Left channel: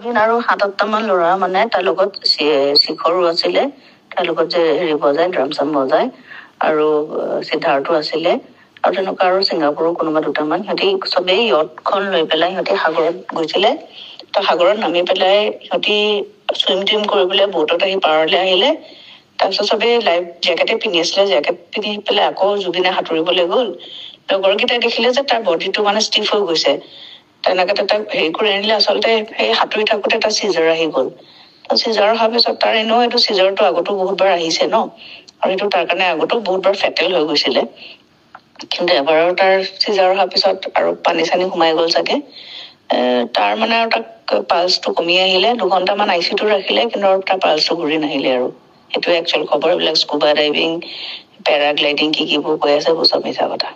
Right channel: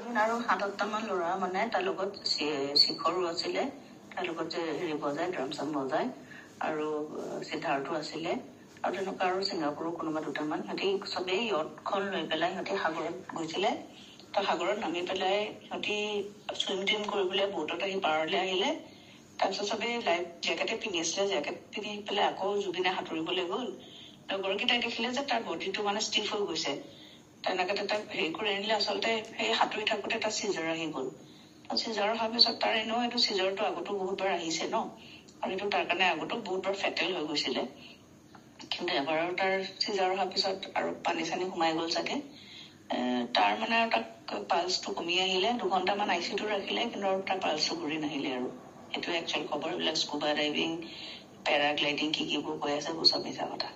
আৰু 7-8টা মান ল'ৰা মানে তাৰ লগত শিখৰো আছিলে, তাৰ লগত যে হেৰি বজায় ড্ৰাম চাম বজায়, আৰু সিদ্ধাৰ্থো আছিলে, আৰু তেনেকুৱা আৰু ছিংগাপুৰৰ কোনোবা 2টামান। সিহঁতি চবেই য়টখন লৈ পেলাই সিহঁতি সাগৰত গৈছিলে। তো সাগৰত নামি পেলাই সিহঁতি চুইম টুইম কৰিবলৈ বোটত আহি পাৰলৈ আহিলে। তাৰপিছত চবেই লাইফ জেকেটে পিন্ধি আছিলে, জেকেট পিন্ধি পেলাই আকৌ জুবিনে সাঁতুৰিবলৈ গ'ল। লগৰকেইটাই দেখিলে যে তাৰ বডিটো মানে ষ্টিফ হৈ গৈছে। তেনেকৈ তাক হেৰি কৰি আনিলে। আচলতে সেই সাঁতুৰি থাকোঁতে তাৰ চিজাৰ আহি গ'ল। তো চিজাৰ অহাৰ পিছত তাৰ এনেও এইটো চিজাৰটো আগতো বহুতবাৰ আহিছে ন, আৰু এইটো তাৰ কাৰণে আগতো বহুতবাৰ ফেটেল হৈ গৈছিলে। কিন্তু এবাৰৰ তাৰ চিজাৰ অহাৰ পিছত আৰু পানী চানী সোমাই গ'ল চাগে। তাৰ মানে আৰু তাক পালচটো কমি আহিলে। 2 ঘণ্টামান আইচিউটো ৰাখিলে, কিন্তু আৰু তাৰ পালচটো ঘূৰি নাহিলে। আৰু সেইটোৱে একচুৱেল খবৰ। এইবিলাক স্কুবা ডাইভিং, পেৰাগ্লাইডিং কিবোৰ কৈ আছে, এইবোৰ চব মিছা কথা।